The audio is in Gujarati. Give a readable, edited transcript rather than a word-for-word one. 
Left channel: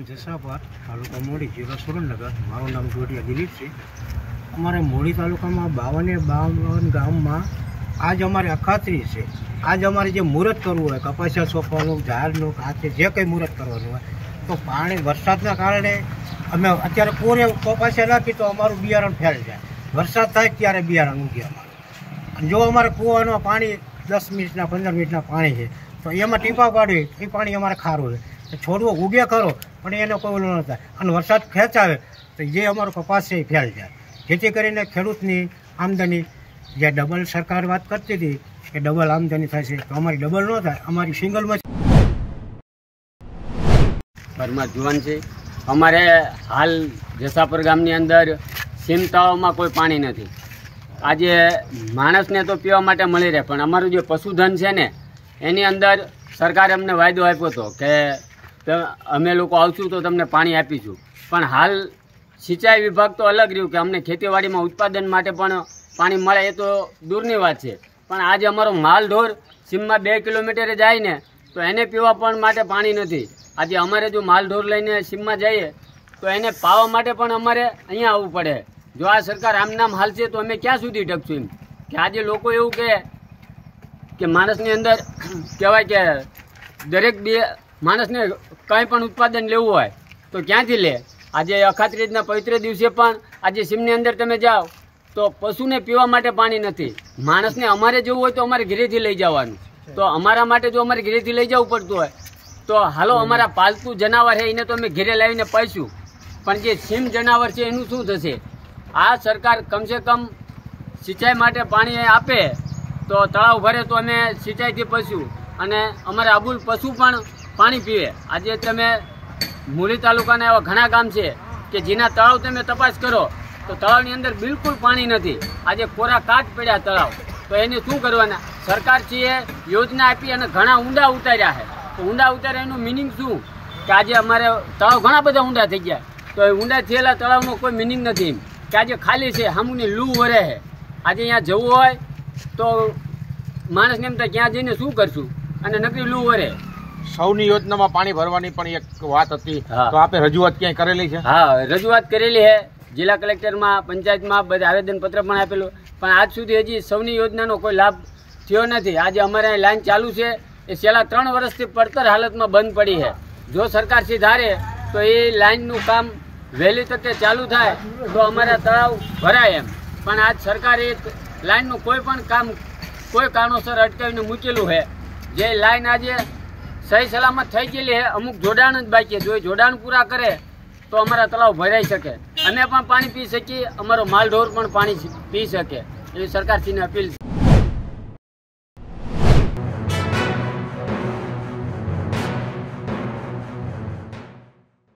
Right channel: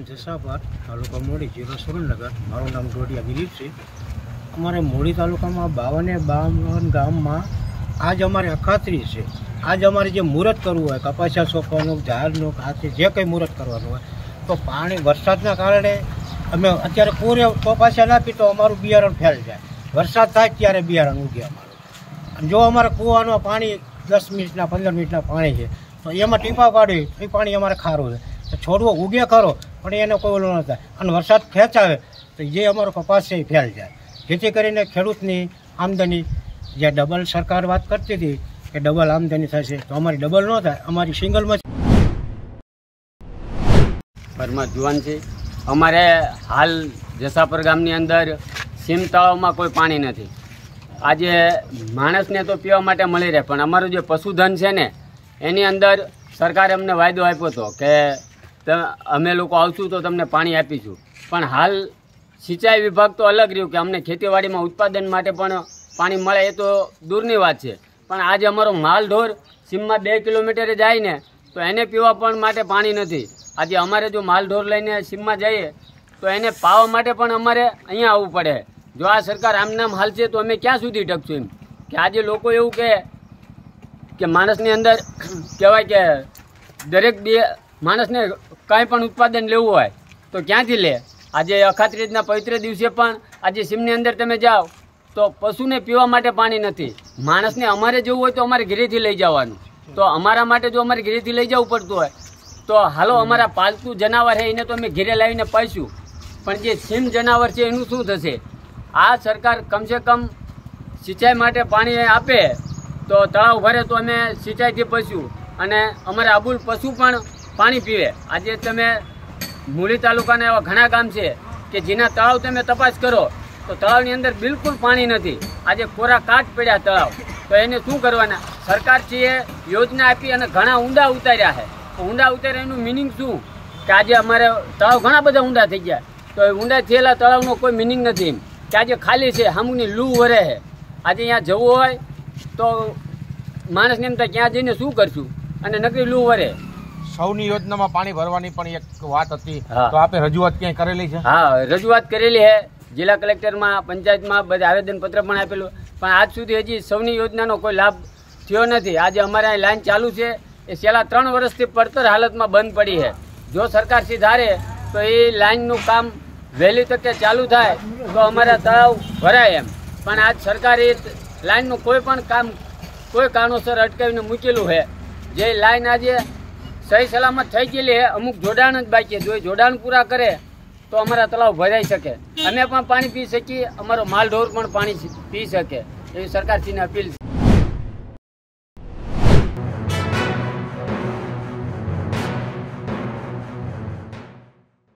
ગામ જસાપર, તાલુકા મોડી, જિલ્લો સુરેન્દ્રનગર। મારું નામ ડોડિયા દિલીપ છે। અમારે મોડી તાલુકામાં 52 ગામમાં આજ અમારે અખાત્રી છે। આજ અમારે જે મુહૂર્ત કરવું હોય, કપાસિયા સોંપવાનું, ઝાડનું કાચે જે કંઈ મુહૂર્ત કરવાનું હોય, તો પાણી વરસાદના કારણે અમે અત્યારે પૂરે કપાસિયા નાખી તો અમારું બિયારણ ફેલ જાય। વરસાદ થાય ત્યારે બિયારણ ઉગે અમારું। અને જો અમારે કૂવાનું પાણી 10 મિનિટના 15 મિનિટના પાણી છે તો એમાં ટીપા પાડવી, એ પાણી અમારે ખારું છે તો છોડવો ઉગે ખરો પણ એને કોઈ ઓલું ન થાય। અને વરસાદ ખેંચાવે તો જે અમારો કપાસ છે એ ફેલ જાય, જેથી કરીને ખેડૂતની આમદની જે ડબલ સરકાર વાત કરતી હતી કે ડબલ આમદની થશે, તો અમારી ડબલ ન થાય, અમારી સિંગલમાં પરમાર જુવાન છે। અમારે હાલ જસાપર ગામની અંદર સીમ તળાવમાં કોઈ પાણી નથી। આજે માણસને તો પીવા માટે મળી રહે, પણ અમારું જે પશુધન છે ને એની અંદર સરકારે અમને વાયદો આપ્યો હતો કે અમે લોકો આવશું તો તમને પાણી આપીશું, પણ હાલ સિંચાઈ વિભાગ તો અલગ રહ્યું કે અમને ખેતીવાડીમાં ઉત્પાદન માટે પણ પાણી મળે એ તો દૂરની વાત છે, પણ આજે અમારો માલઢોર સીમમાં 2 કિલોમીટરે જાય ને તો એને પીવા પણ માટે પાણી નથી। આજે અમારે જો માલઢોર લઈને સીમમાં જઈએ તો એને પાવા માટે પણ અમારે અહીંયા આવવું પડે। જો આ સરકાર આમ નામ હાલશે તો અમે ક્યાં સુધી ટકશું? એમ કે આજે લોકો એવું કે માણસની અંદર કહેવાય કે દરેક માણસને કંઈ પણ ઉત્પાદન લેવું હોય તો ક્યાંથી લે? આજે અખાત્રીજના પવિત્ર દિવસે પણ આજે સીમની અંદર તમે જાઓ તો પશુને પીવા માટે પાણી નથી। માણસને અમારે જવું હોય તો અમારે ઘરેથી લઈ જવાનું, તો અમારા માટે જો અમારે ઘરેથી લઈ જવું પડતું હોય તો હાલો અમારા પાલતુ જનાવર છે એને તો અમે ઘરે લાવીને પાઈશું, પણ જે સીમ જનાવર છે એનું શું થશે? આ સરકાર કમસે કમ સિંચાઈ માટે પાણી આપે તો તળાવ ભરે તો અમે સિંચાઈથી પીશું અને અમારે અબુલ પશુ પણ પાણી પીવે। આજે તમે મૂળી તાલુકાના એવા ઘણા ગામ છે કે જેના તળાવ તમે તપાસ કરો તો તળાવની અંદર બિલકુલ પાણી નથી। આજે કોરા કાચ પડ્યા તળાવ, તો એને શું કરવાના? સરકારશ્રીએ યોજના આપી અને ઘણા ઊંડા ઉતાર્યા છે, ઊંડા ઉતાર્યા એનું મિનિંગ શું? કે આજે અમારે તળાવ ઘણા બધા ઊંડા થઈ ગયા, તો એ ઊંડા થયેલા તળાવનો કોઈ મિનિંગ નથી એમ કે આજે ખાલી છે, સામુની લૂ વરે છે। આજે અહીંયા જવું હોય તો માણસને એમ થાય ક્યાં જઈને શું કરશું, અને નકરી લૂ વરે। સૌની યોજનામાં પાણી ભરવાની પણ એક વાત હતી, તો આપે રજૂઆત ક્યાંય કરેલી છે? હા, રજૂઆત કરેલી છે, જિલ્લા કલેક્ટરમાં, પંચાયતમાં બધા આવેદનપત્ર પણ આપેલું, પણ આજ સુધી હજી સૌની યોજનાનો કોઈ લાભ થયો નથી। આજે અમારે અહીં લાઈન ચાલુ છે એ છેલ્લા 3 વર્ષથી પડતર હાલતમાં બંધ પડી છે। જો સરકાર ધારે તો એ લાઈનનું કામ વહેલી તકે ચાલુ થાય તો અમારા તળાવ ભરાય એમ, પણ આજ સરકારે લાઈનનું કોઈ પણ કામ કોઈ કારણોસર અટકાવીને મૂકેલું છે। જે લાઈન આજે સહી સલામત થઈ ગયેલી છે, અમુક જોડાણ જ બાકી છે, જો એ જોડાણ પૂરા કરે તો અમારા તળાવ ભરાઈ શકે, અમે પણ પાણી પી શકીએ, અમારો માલઢોર પણ પાણી પી શકે, એવી સરકારશ્રીને અપીલ છે।